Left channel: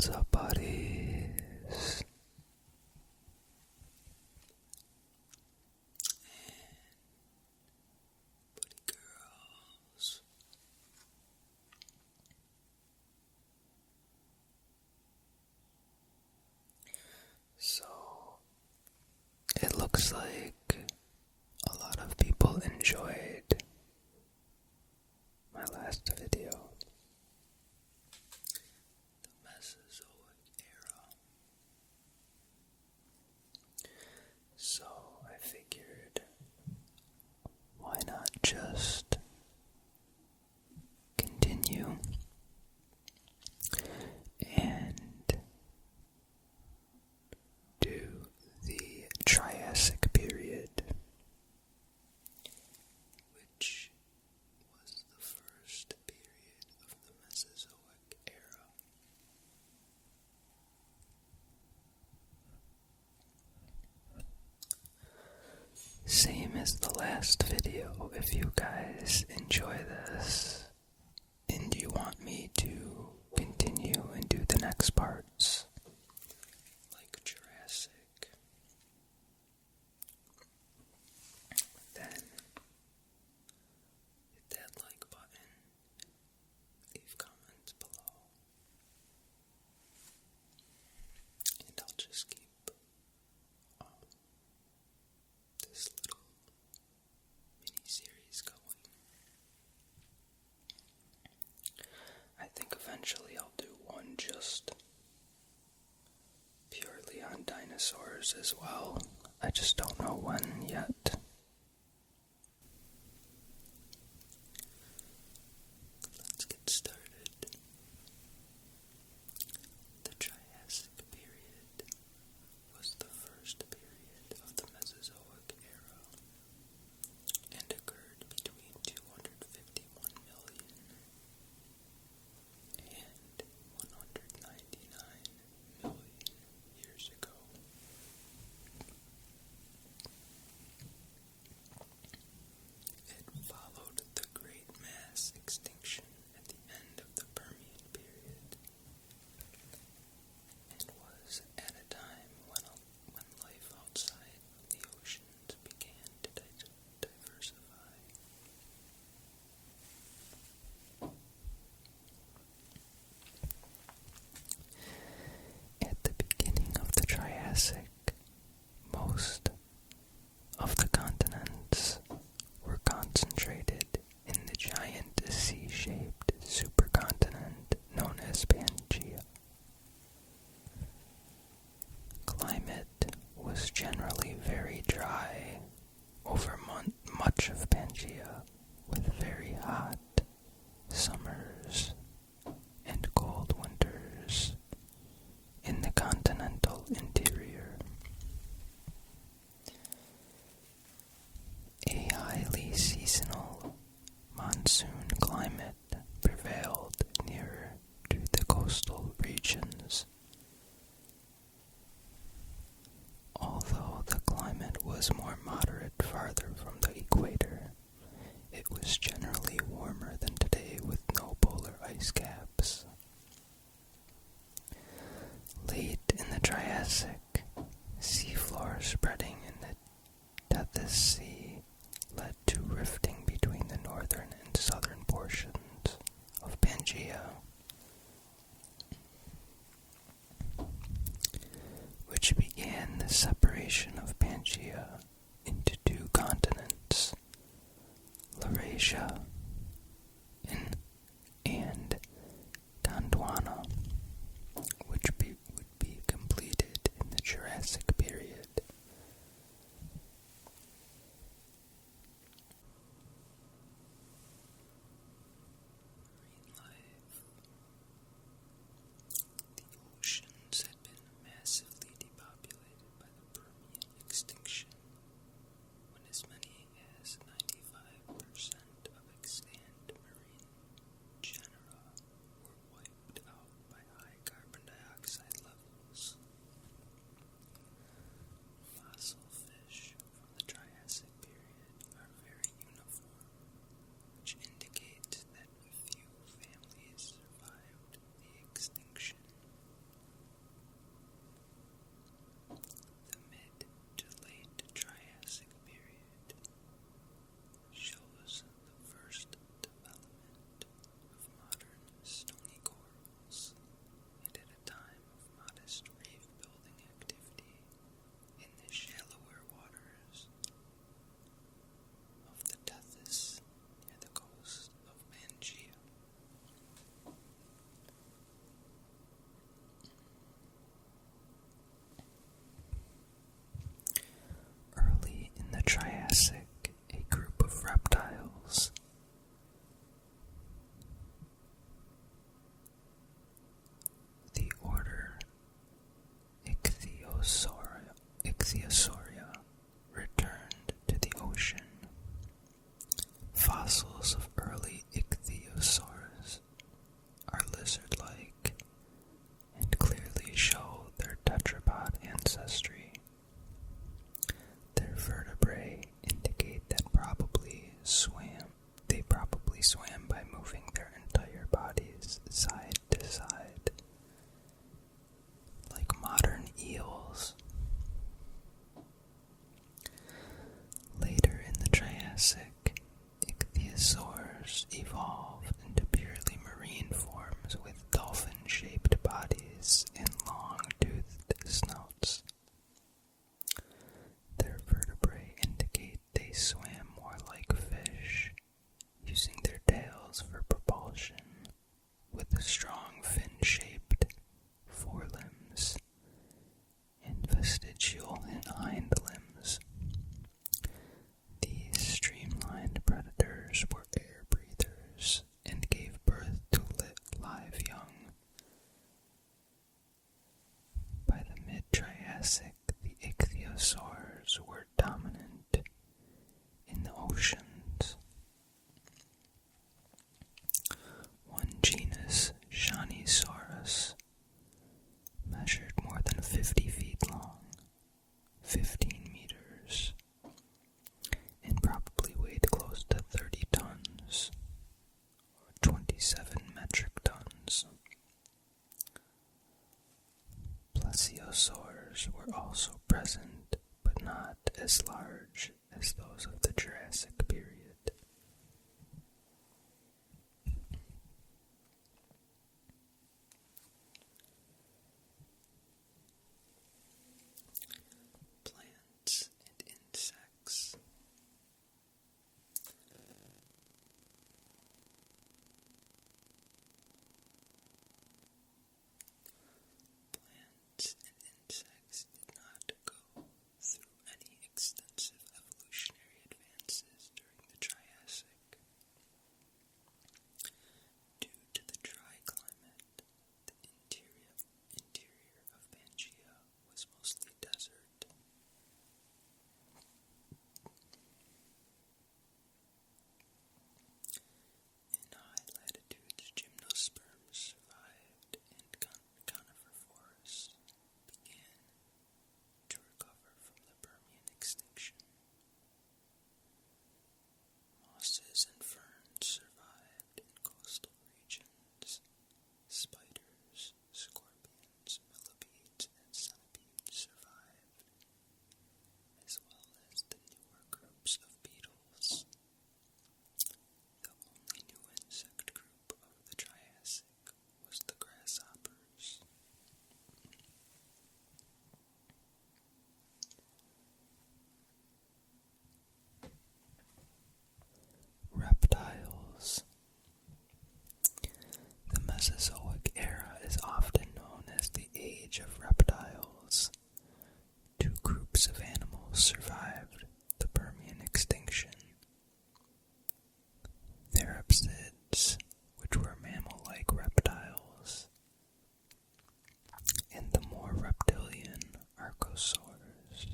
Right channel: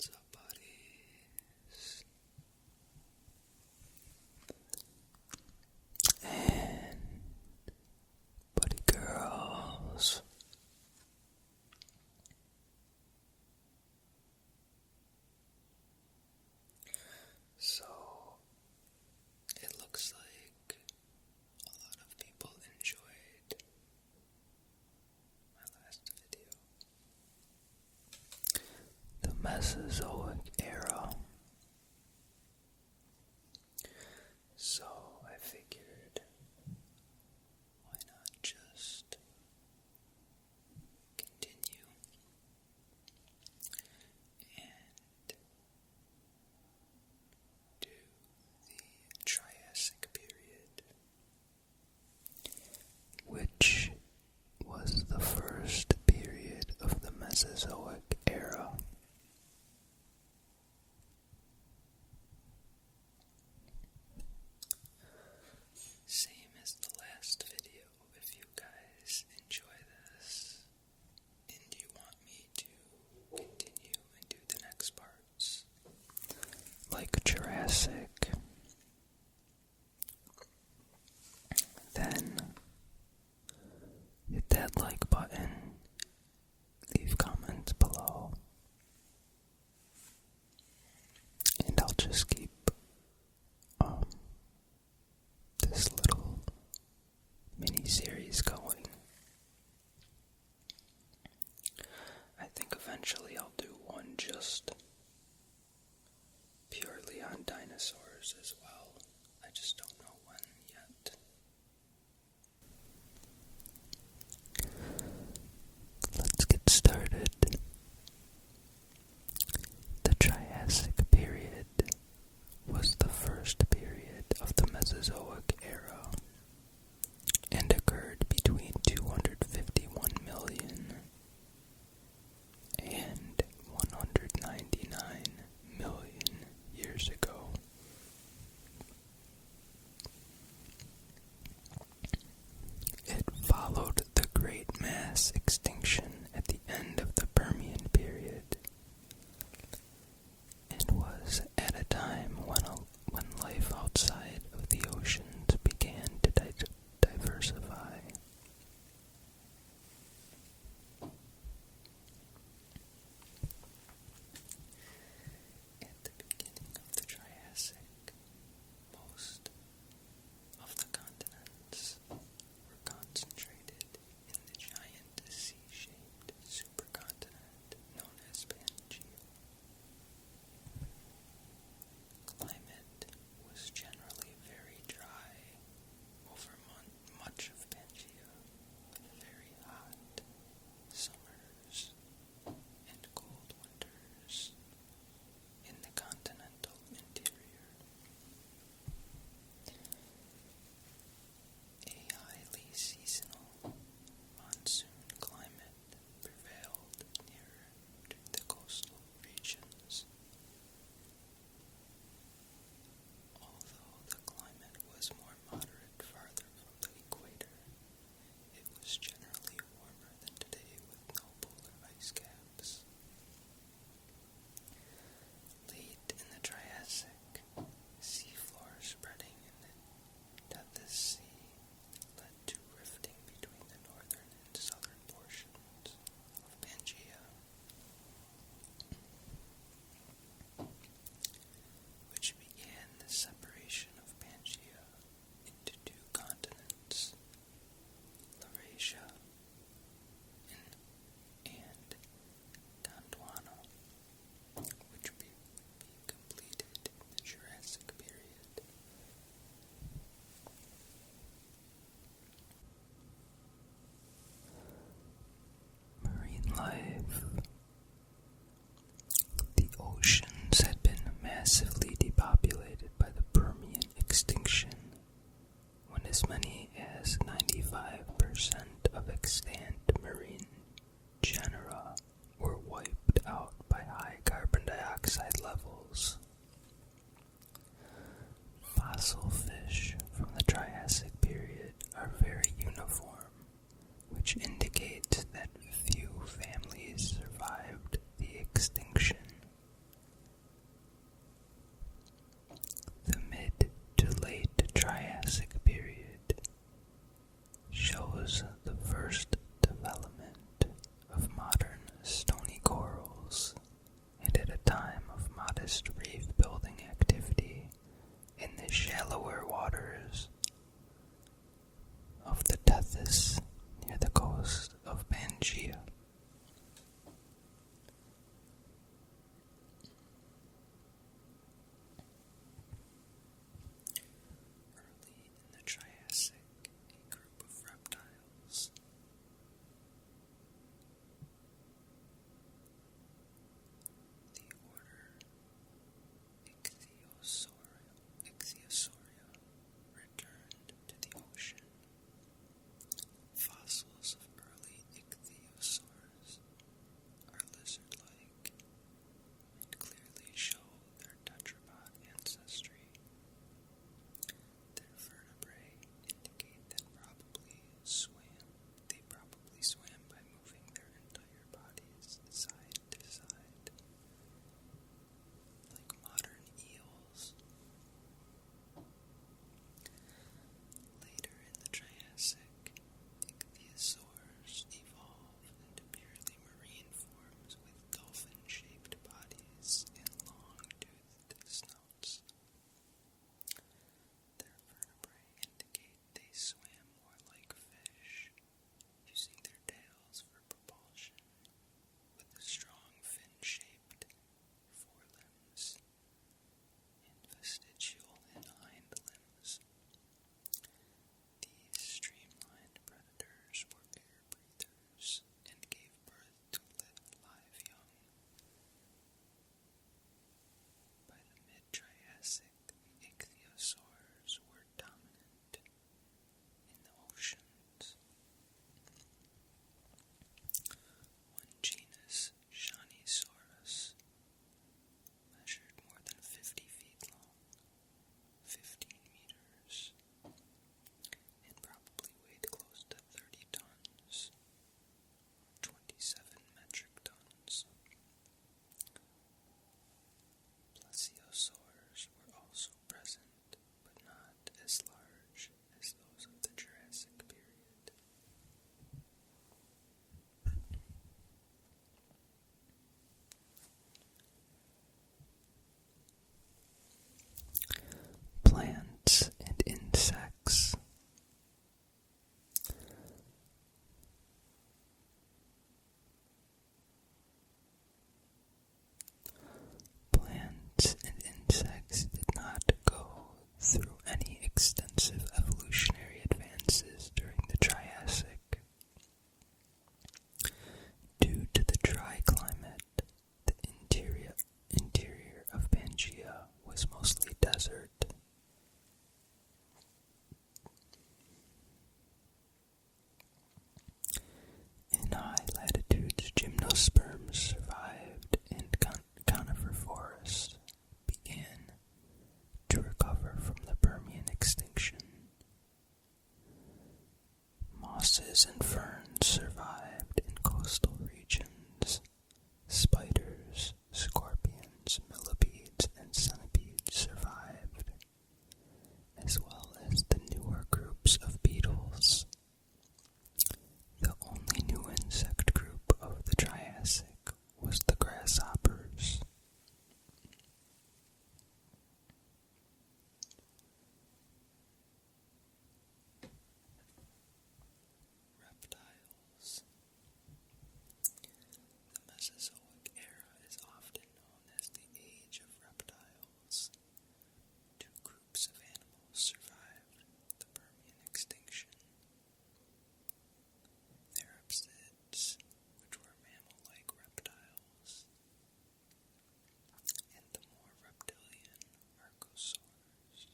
What's up, buddies? And buddy girls. So, it looks like a lot of people enjoyed my last video. The Mesozoic Era. So I figured, why not just continue and do the Triassic Period, which was the first period of the Mesozoic Era. Same as the last video. If you guys enjoy this and you want me to continue and do the next parts, like Jurassic, then hit that like button, leave comments below, and I'll just keep this little mini-series going. I think eventually I'll do one just purely on dinosaurs as well. I just don't know when yet. Let's get started. The Triassic Period was the first period of the Mesozoic Era and occurred between 251 million and 199 million years ago. It followed the Great Mass Extinction at the end of the Permian Period and was at a time when life outside of the oceans began to diversify. At the beginning of the Triassic, most of the continents were concentrated in the giant sea-shaped supercontinent known as Pangaea. Climate was generally very dry over much of Pangaea, with very hot summers and cold winters in the continental interior. A highly seasonal monsoon climate prevailed nearer to the coastal regions. Although the climate was more moderate farther from the equator, with strong fin-shaped forelimbs and vestigial hind limbs. These streamlined predators were air breathers and gave birth to live young. By the mid-Triassic, the ichthyosaurs were dominant in the oceans. One genus, Shanisaurus, measured more than 50 feet long, 15 meters, and probably weighed close to 30 tons, or 27 metric tons. Plesiosaurs were also present, but not as large as those of the Jurassic Period. Plants and insects. Plants and insects did not go through any extensive evolutionary advances during the Triassic. Due to the dry climate, the interior of Pangaea was mostly desert. In high latitudes, gymnosperms survived and conifer forests began to recover from the Permian extinction. Mosses and ferns survived in coastal regions. Spiders, scorpions, millipedes, and centipedes survived, as well as the newer groups of beetles. The only new insect group of the Triassic was the grasshoppers. Reptiles. The Mesozoic Era is often known as the Age of Reptiles. Two groups of animals survived the Permian extinction. Therapsids, which were mammal-like reptiles, and the more reptilian archosaurs.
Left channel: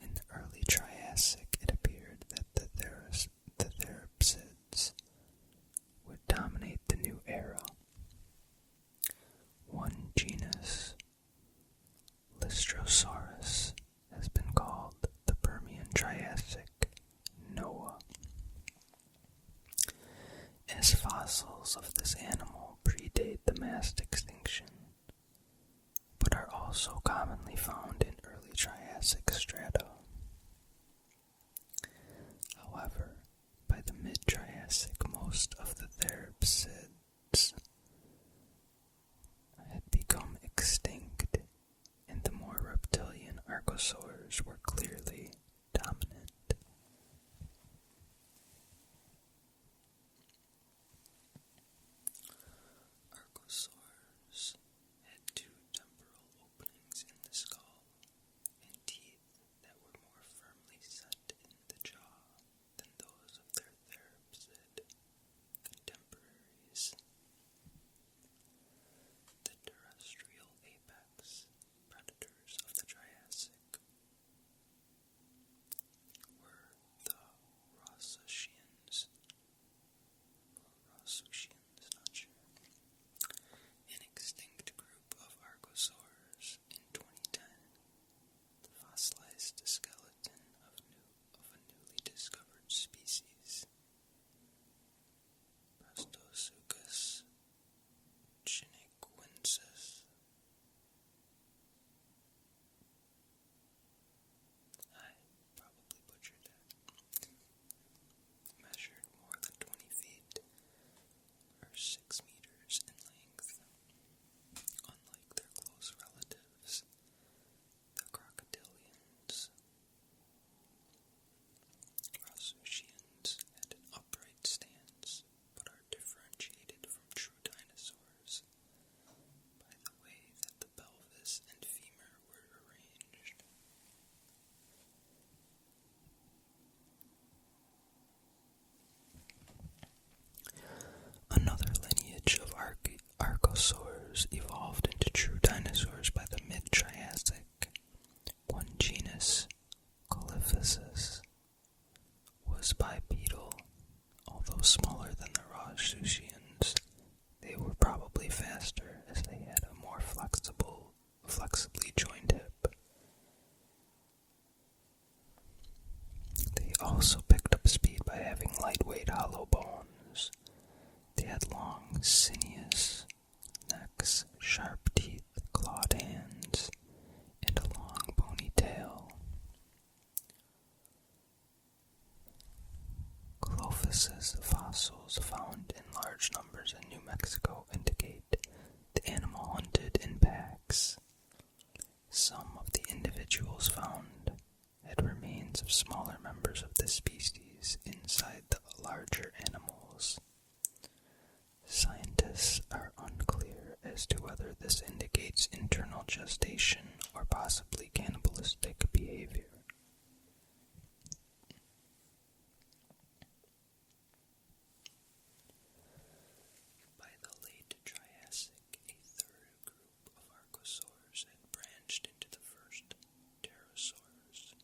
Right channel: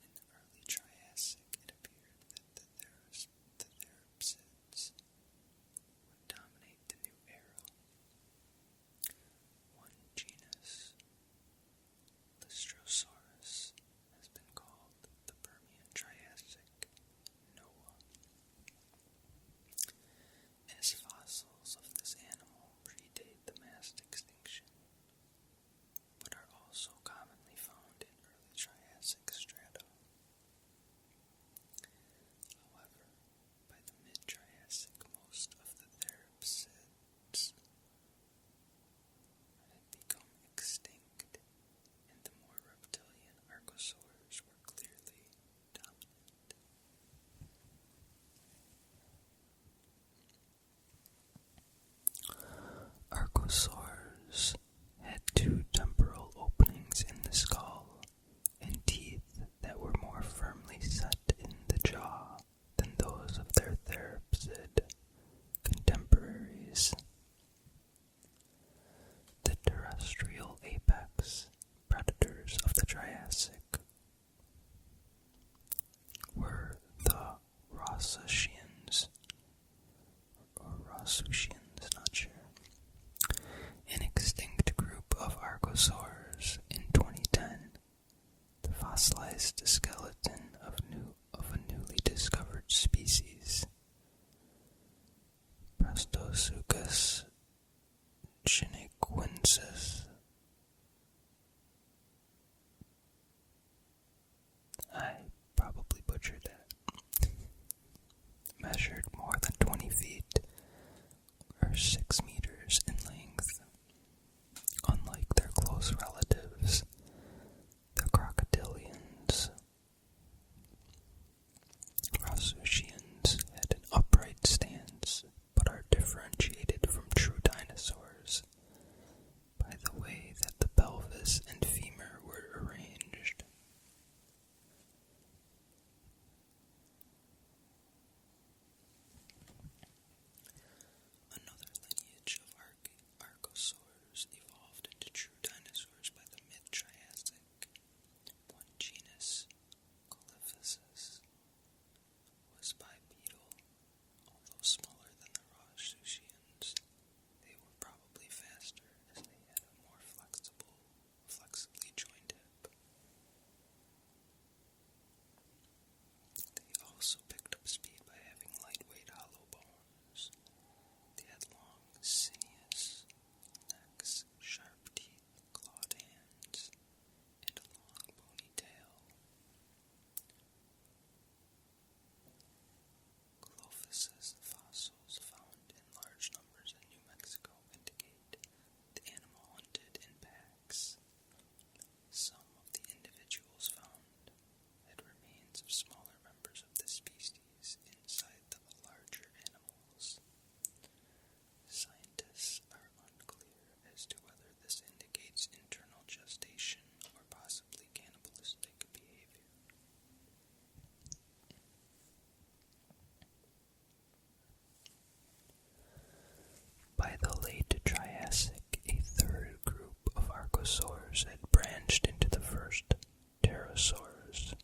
In the early Triassic, it appeared that the therapsids would dominate the new era. One genus, Lystrosaurus, has been called the Permian Triassic Noah, as fossils of this animal predate the mass extinction, but are also commonly found in early Triassic strata. However, by the mid-Triassic, most of the therapsids had become extinct, and the more reptilian archosaurs were clearly dominant. Archosaurs had two temporal openings in the skull and teeth that were more firmly set in the jaw than those of their therapsid contemporaries. The terrestrial apex predators of the Triassic were the Rossusians, or Rossusians, not sure, an extinct group of archosaurs. In 2010, the fossilized skeleton of a newly discovered species, Prestosuchus chinequensis, gestation or possibly cannibalistic behavior. By the late Triassic, a third group of archosaurs had branched into the first pterosaurs.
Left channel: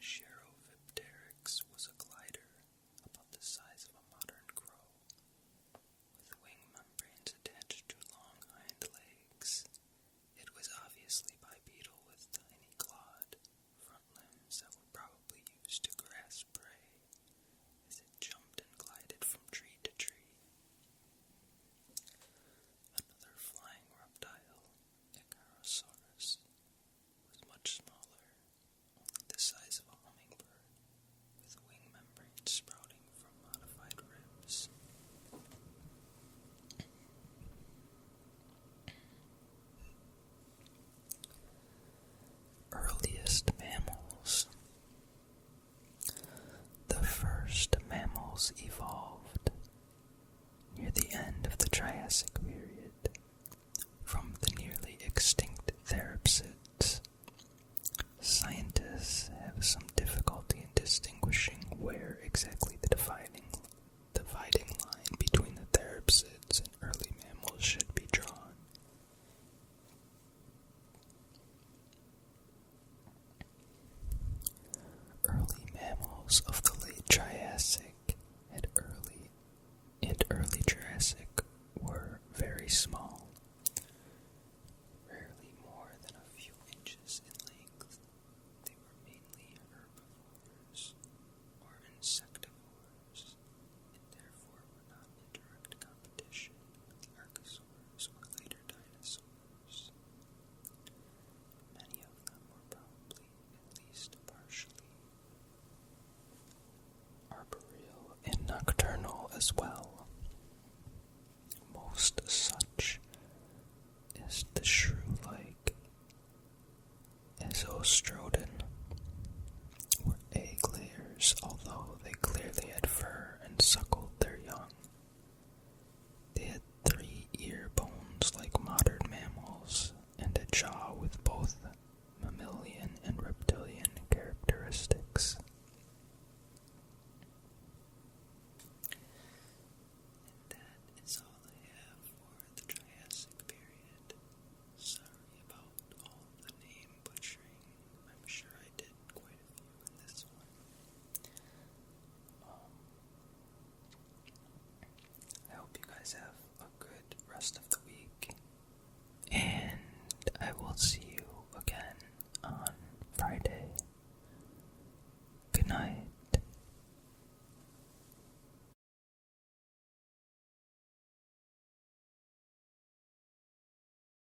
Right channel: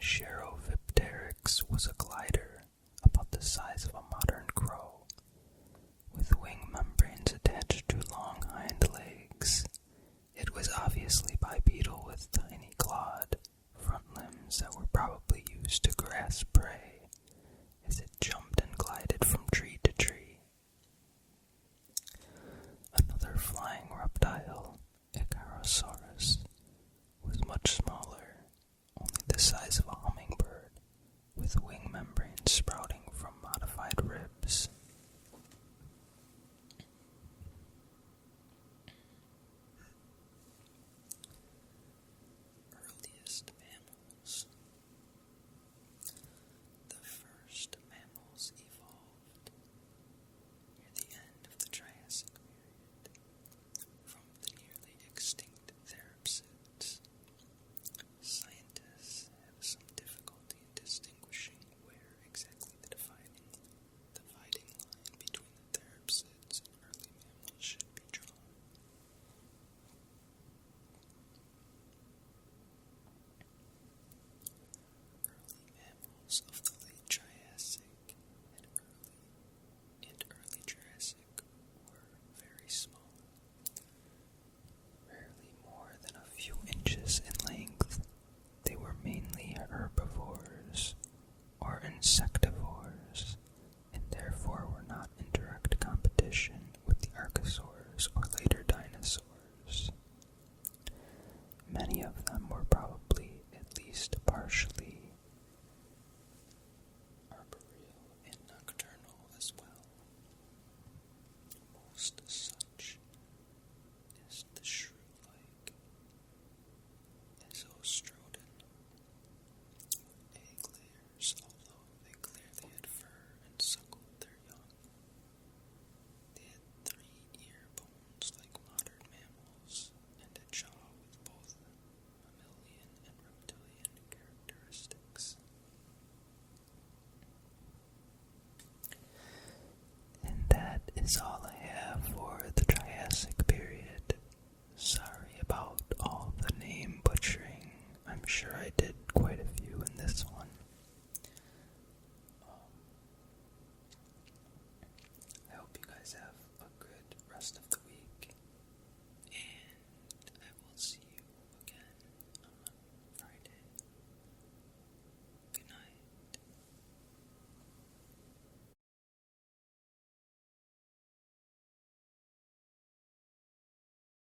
Cherovipteryx was a glider about the size of a modern crow, with wing membranes attached to long hind legs. It was obviously bipedal with tiny clawed front limbs that were probably used to grasp prey as it jumped and glided from tree to tree. Another flying reptile, Icarosaurus, was much smaller, only the size of a hummingbird, with wing membranes sprouting from modified ribs. Earliest mammals. The first mammals evolved near the end of the Triassic Period from the nearly extinct therapsids. Scientists have some difficulty in distinguishing where exactly the dividing line between the therapsids and early mammals should be drawn. Early mammals of the late Triassic and early Jurassic were very small, rarely more than a few inches in length. They were mainly herbivores or insectivores, and therefore were not in direct competition with the archosaurs or later dinosaurs. Many of them were probably at least partially arboreal and nocturnal as well. Most such is the shrew-like Esostrodon, were egg layers, although they clearly had fur and suckled their young. They had 3 ear bones like modern mammals, and a jaw with both mammalian and reptilian characteristics. And that is all I have for the Triassic Period. Sorry about all the name butchering. I'm sure I did quite a few in this one. I hope you guys have a good rest of the week.